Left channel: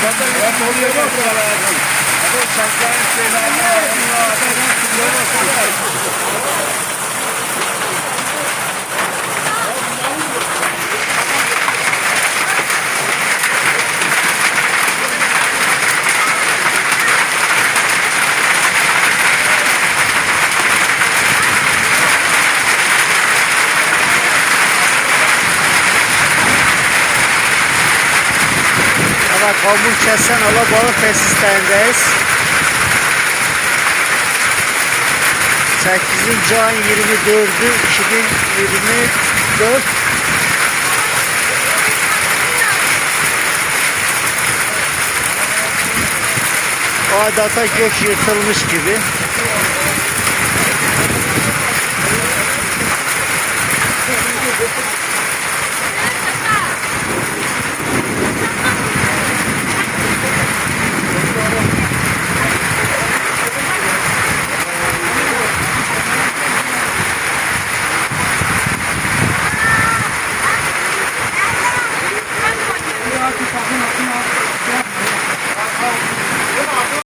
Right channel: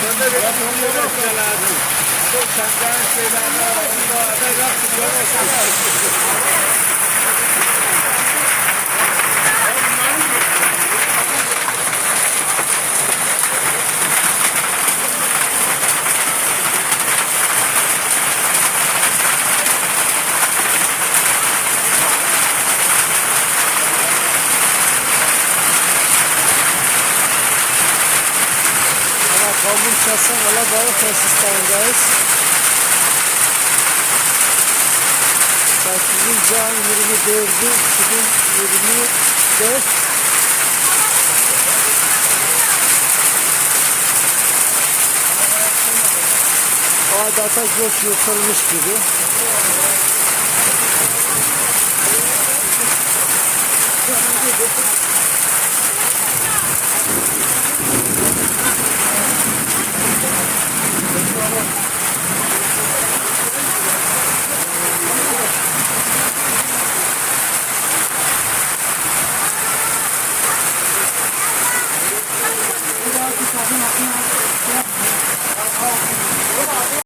Evet, Kamun Kəsənala balıq təsislərindəyiz. 8. ayın 24-ü 2024 Adata gök yırtılmış gibi. Thank you. aqui tá fazendo assim, ó.